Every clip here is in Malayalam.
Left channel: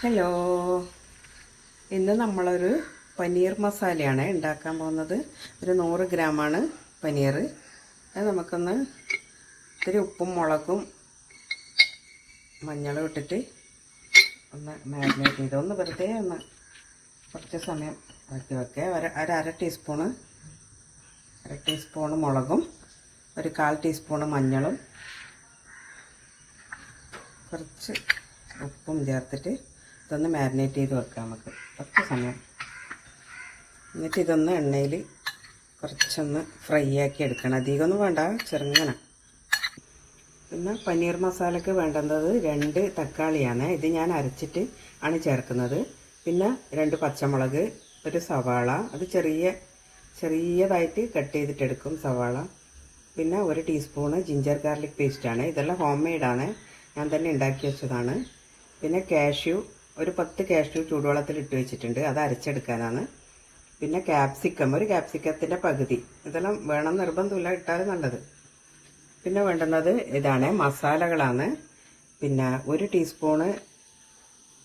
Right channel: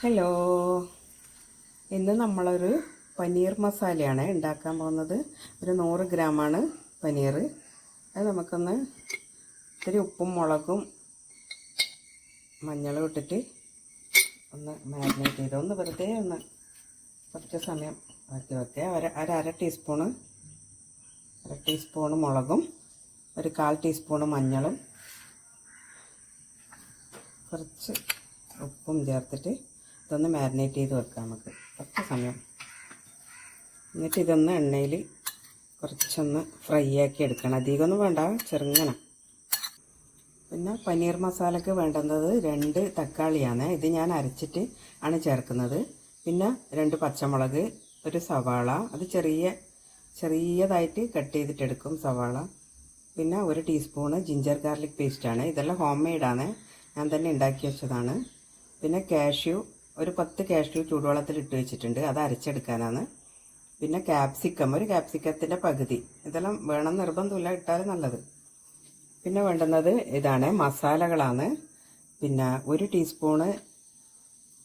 ഹലോ ഇന്ന് നമ്മളൊരു പനീർ മസാലയാണ് ഉണ്ടാക്കാൻ പോകുന്നത്. ഒരു നൂറ് ഗ്രാമാണ് പനീർ. അത് നമുക്കൊന്ന് ഇത്തിരി ഉപ്പും മുളകും മഞ്ഞളും ഇട്ടിട്ട് ഒന്ന് മാരിനേറ്റ് ചെയ്ത് ഒന്ന് വെറുതെ ഒന്ന് കുറച്ച് സമയം ആക്കി വെക്കുക. ഒരു ഒരു അര ടീസ്പൂണ് അര ടീസ്പൂണ് മുളകും ഒരു കാൽ ടീസ്പൂണ് മഞ്ഞളും കുറച്ച് ഉപ്പും ചേർത്തിട്ട് ഇതൊന്ന് മാരിനേറ്റ് ചെയ്ത് വെക്കാം നമുക്ക്. കുറച്ച് സമയം. എന്നിട്ട് ഇതൊന്ന് എണ്ണയിൽ കുറച്ചൊന്ന് ഫ്രൈ ആക്കി എടുക്കണം. അധികമൊന്നും വേണ്ട ചെറുങ്ങനെ. പിന്നെ പനീർ മസാലയ്ക്ക് വേണ്ടുന്നത് രണ്ട് തക്കാളിയാണ്. ഇത് ഞാൻ അരച്ചിട്ട് ആണ് ചേർക്കുന്നത്. പിന്നെ രണ്ട് പച്ചമുളക് ഒരു സവാള. അത് ചെറിയ ചെറിയതായിട്ട് കട്ട് ചെയ്തിട്ടെടുക്കും സവാള. പിന്നെ ഒരു ടീസ്പൂണ് ജിഞ്ചർ ഗാർലിക് പേസ്റ്റാണ് ഇതെല്ലാം ഹോം മെയ്ഡാണ് ഞാൻ തന്നെ ഉണ്ടാക്കി വെച്ചതാണ്. പിന്നെ കാഷ്യൂ ഒരു പത്ത് കാഷ്യൂ ചൂടുവെള്ളത്തിൽ ഇട്ട് വെച്ചിട്ടുണ്ട്. അത് അരച്ചെടുക്കാനാണ്. പിന്നെ ക്യാപ്സിക്കം ഒരു ക്യാപ്സിക്കത്തിന്റെ പകുതി. ഇതെല്ലാം വേണം നിർബന്ധമില്ല ഇട്ടാൽ നല്ലത്. പിന്നെ വേണ്ടുന്നത് ഇതാണ് മസാലകളാണ്. പിന്നെ ഒരു ടീസ്പൂണ്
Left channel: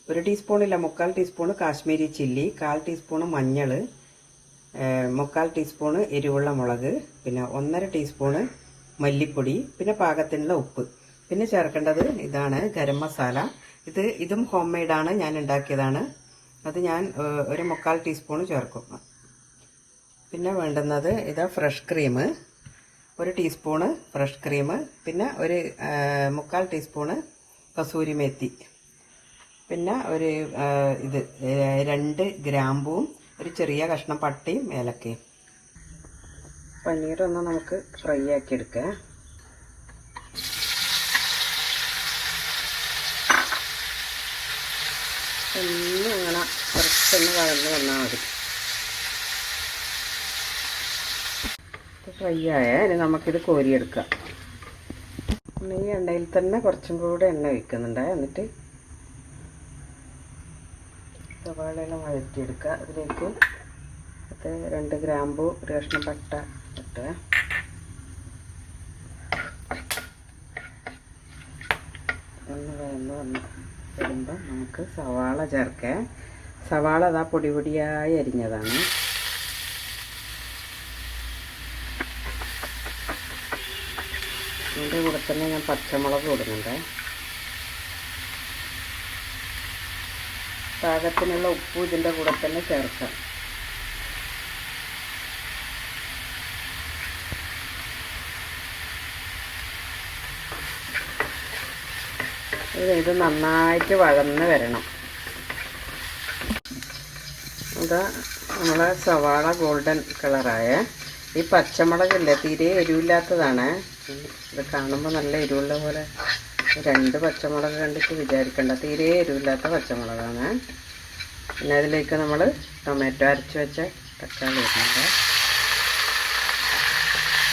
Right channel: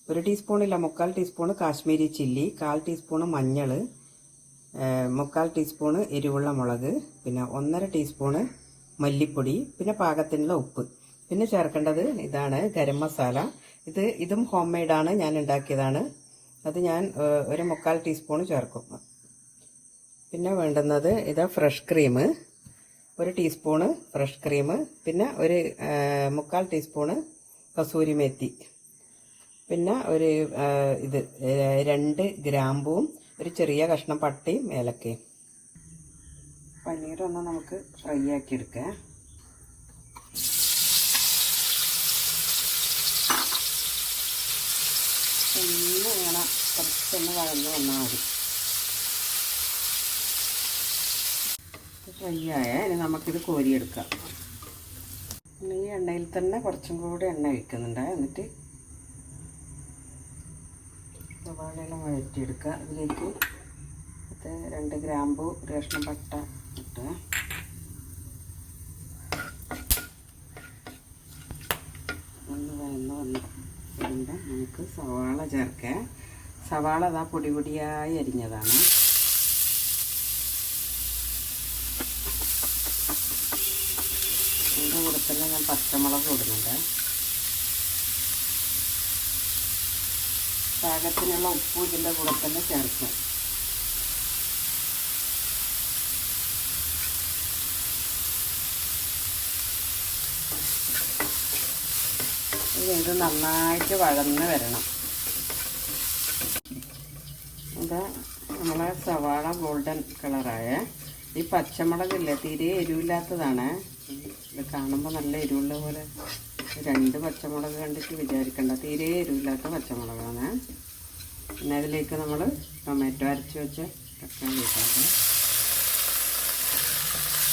ഒരു ടീസ്പൂണില്ല മുക്കാൽ ടീസ്പൂണ് കാശ്മീരി ചില്ലി കാൽ ടീസ്പൂണ് മഞ്ഞൾ മുക്കാൽ ടീസ്പൂണ് എരിവുള്ള മുളക് പിന്നെ ഒന്നര ടീസ്പൂണ് മല്ലിപ്പൊടി പിന്നെ പാകത്തിനുള്ള ഉപ്പ്. പിന്നെ ചേർക്കേണ്ടത് ഇതാണ് ഗരം മസാല. ഇത് ഇതും ഹോം മെയ്ഡാണ് ഞാൻ ഉണ്ടാക്കിയതാണ്. അത് ഞാൻ ഒരു മുക്കാൽ ടീസ്പൂൺ ചേർക്കും. പിന്നെ വേണ്ടുന്നത് ഇതാ ഫ്രഷ് ക്രീം. ഒരു ടീസ്പൂണ് ഫ്രഷ് ക്രീം. പിന്നെ ഒരു മുക്കാൽ ടീസ്പൂണ് കസൂരി മേത്തി. പിന്നെ ഒരു ഇത് രണ്ട് ഗ്രാമ്പൂവും ഒരു ചെറിയ കഷ്ണം പട്ടിയും ഏലക്കയും. പനീറൊന്ന് നമുക്ക് ഫ്രൈ ആക്കി എടുക്കാം ഒന്ന് ഇങ്ങനെ കുറച്ചൊന്ന് വഴന്ന് വന്നാൽ മതി. ഫ്രൈ ആയ ഇനി നമുക്കിത് കോരിയെടുക്കാം. ഈ എണ്ണയിൽ തന്നെ കുറച്ചും കൂടെ എണ്ണ ഒഴിക്കുന്നുണ്ട്. എന്നിട്ട് സവാളയെല്ലാം വഴറ്റിയെടുക്കുക. അതിലേക്ക് അത് രണ്ട് ഗ്രാമ്പു ഒരു കഷ്ണം പട്ട ഇട്ട്. ഒന്ന് വഴന്ന് വന്ന് വരുമ്പോൾ നമുക്ക് സവാള ചേർക്കാം. സവാള അതാ പൊടി പൊടിയായി അരിഞ്ഞതാണ്. ഇതിന്റെ കൂടെ തന്നെ ഞാൻ പച്ചമുളക് ഇടുന്നുണ്ട്. പാകത്തിനുള്ള ഉപ്പ് ഇതിന്റെ കൂടെ തന്നെ ചേർക്കാം. ഇത് നന്നായിട്ട് വഴന്ന് വരണം. അതാ നമ്മളെ സവാള ഗോൾഡൻ കളറായ ഈ പച്ചമുളകില്ലേ തീരെ എരിവില്ലാത്തതാണ്. ഇത് കാണുമ്പോൾ നല്ല എരിവുള്ള പോലെ. രണ്ട് പച്ചമുളക് കണ്ടിട്ട് വിചാരിക്കണ്ട തീരെ എരിവില്ലാത്ത പച്ചമുളകാണ്. പിന്നെ അതിലേക്ക് നമ്മൾ ടൊമാറ്റോ അരച്ച് വെച്ച തക്കാളി ഇടുന്നുണ്ട്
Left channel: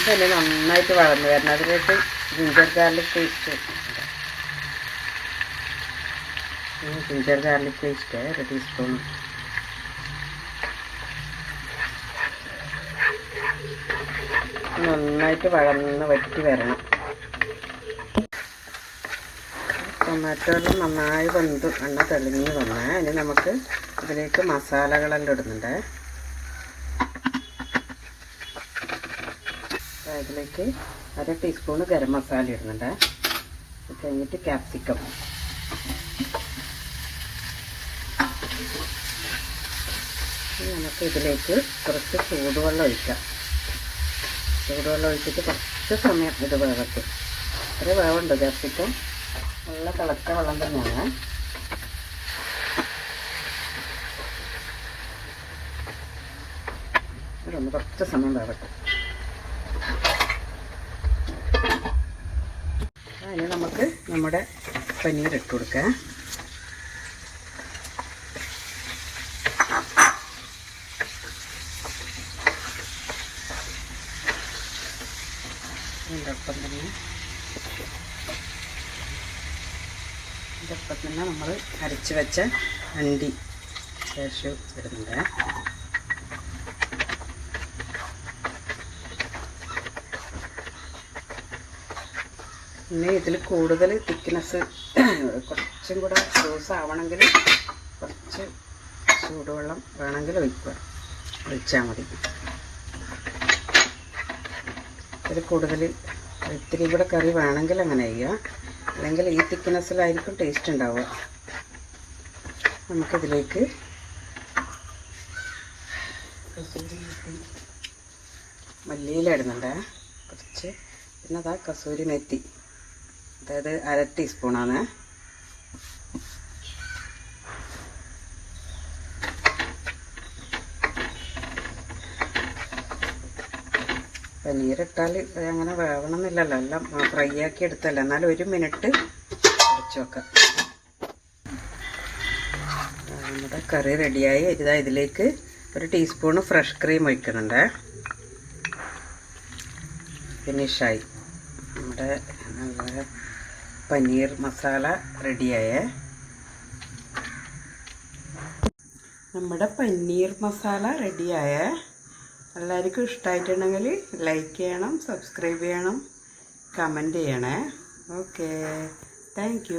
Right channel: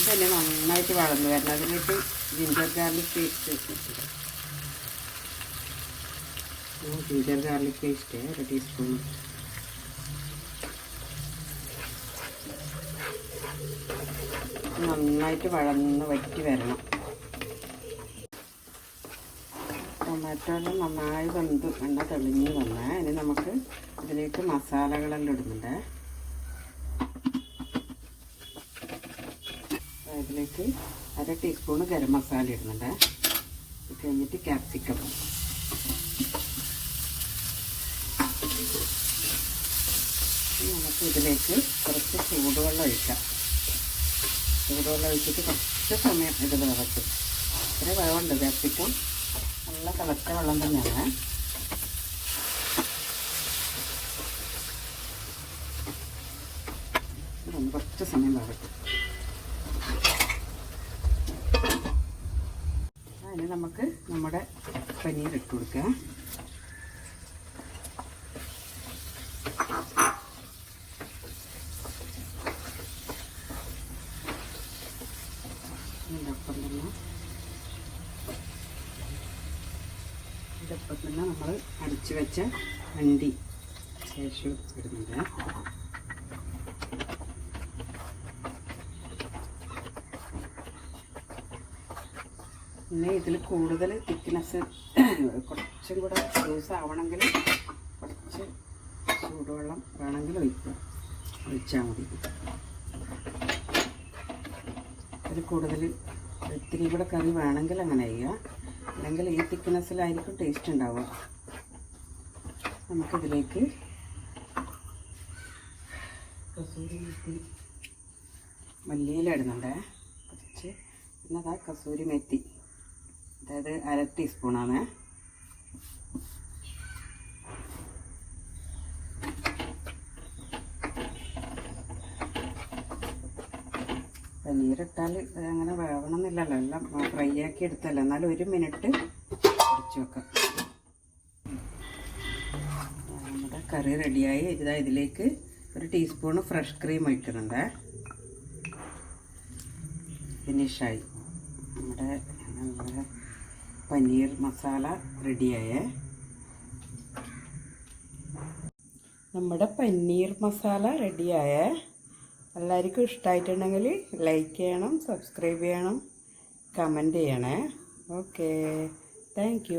ഇതല്ലേ നന്നായിട്ട് വളർന്നു വരണം. അതിലേക്ക് ginger garlic paste ginger garlic paste ഒരു ടീസ്പൂൺ നന്നായിട്ട് വഴന്ന് വറ്റി വരണം. ടൊമാറ്റോ എല്ലാം നന്നായി വെന്ത് എണ്ണ തെളിഞ്ഞ് വന്നേ ഇനി നമുക്ക് ഇതിലേക്ക് മസാലകളെല്ലാം ഇടുന്നുണ്ട്. അതിലേക്ക് അര ടീസ്പൂൺ ഗരം മസാല ഇടുന്നുണ്ട്. കഴിഞ്ഞിട്ട് ക്യാപ്സിക്കം നമുക്ക് ഇതിലേക്ക് കുറച്ച് ചൂടുവെള്ളം ഒഴിക്കാം. ചൂടുവെള്ളം ഒഴിച്ചിട്ട് കുറച്ച് സമയം ഇത് വേകത്ത് ഒരു വേവുണ്ട് ക്യാപ്സിക്കം നല്ല തിളച്ച വെള്ളം തന്നെയാണ്. ഇതൊന്ന് കുറച്ച് സമയം വേവട്ടെ അതിന് നമുക്ക് നമ്മുടെ പനീർ ഇട്ട് കൊടുക്കാം ഇതിനൊപ്പം തന്നെ ഇതൊപ്പം തന്നെ നമ്മൾ അരച്ച് വെച്ച അണ്ടി ശേഷം ഇടുന്നുണ്ട്. പിന്നെ ഇതിൽ കൂടുതൽ തിക്നെസ് കുറച്ചും കൂടെ ലൂസ് ആവണമെങ്കിൽ കുറച്ച് ചൂടുവെള്ളം വേണമെങ്കിൽ ഒഴിക്കുക. ഒഴിച്ചാൽ മതി. ഇതിൽ കൂടുതൽ ഇത്തിരി കൂടെ കറി വേണമെങ്കിൽ അങ്ങനെ ചെയ്യുക അല്ലെങ്കിൽ ഈ തിക്നെസ്സിലായിരിക്കും ടേസ്റ്റ് ഉണ്ടാവുക. നമുക്കിതിലേക്ക് കസൂരി മെത്തി മല്ലിയില ഇടുന്നുണ്ട്. കുറച്ച് പിന്നെ അതാ കസൂരി മെത്തി. അതായത് അര ടീസ്പൂണാണ് പനീരിട്ടാൽ അങ്ങനെ വേവണമെന്നില്ലല്ലോ എല്ലാം ഫ്രൈ ആക്കി എടുത്തല്ല. എന്നാലും ഒരു മിനിറ്റ് കുറച്ച് വെക്കാം. നമ്മുടെ കറി റെഡിയായി. ഇതാ ഇതിലേക്ക് ഒരു ടീസ്പൂണ് ഫ്രഷ് ക്രീം ഒഴിക്കുന്നുണ്ട്. ഫിനിഷായി. നമ്മുടെ പനീർ മസാല റെഡിയായ. നമ്മുടെ പനീർ മസാല റെഡിയായേ. എല്ലാവർക്കും ഇഷ്ടമായിട്ടുണ്ടെങ്കിൽ ലൈക്ക് ചെയ്യണം സബ്സ്ക്രൈബ് ചെയ്യണം കമന്റ് ചെയ്യണേ. Okay thank